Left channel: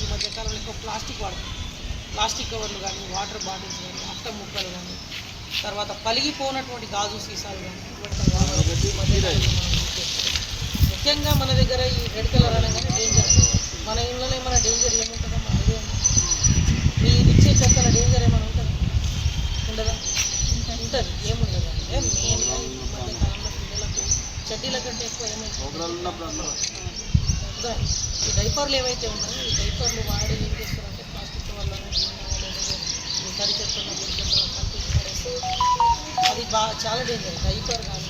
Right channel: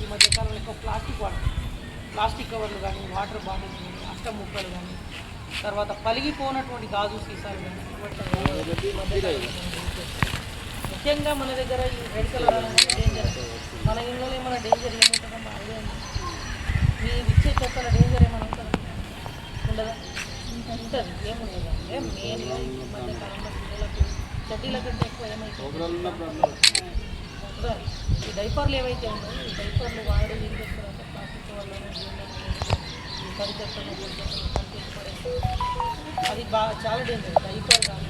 ఈ మధ్యకాలంలో ఎక్కువ ప్లాస్టిక్ వాడతాం. ప్లాస్టిక్ కవర్లు కానీ, వాటర్ బాటిల్స్ కానీ, అట్ట ముక్కలు కానీ, తర్వాత పలిగిపోనటువంటి గాజు సీసాలు కానీ ఇటువంటి ఈ మధ్యకాలంలో మనం యూజ్ చేస్తాం. ముఖ్యంగా మన దగ్గర ఈ రెడ్ కలర్ అనగానే డేంజర్. మన ఇళ్ళలో ఏమైనా డేంజర్ ఏముంటుందమ్మా ఐడియా ఉంది? మీరు ఇచ్చే చెక్కల డేంజర్ ఏమైనా ఉంటుందా? ఉండదా? ఉంటుంది. ఏముండదు అంటే మెయిన్గా ఈ మధ్యకాలంలో పిల్లలకు చెడ్డీల కంటే ఎక్కువ ఏమైతుంది, ఈ డైపర్లు ఏవైతే ఉన్నాయో ఈ డైపర్లు వాడి ఏం చేస్తారంటే ప్లాస్టిక్ కవర్లను జీవనం లేకపోతే ఈ తడి చెత్తను పొడి చెత్తను కంపించి పడేస్తే అది చాలా డేంజర్. డైపర్ కానీ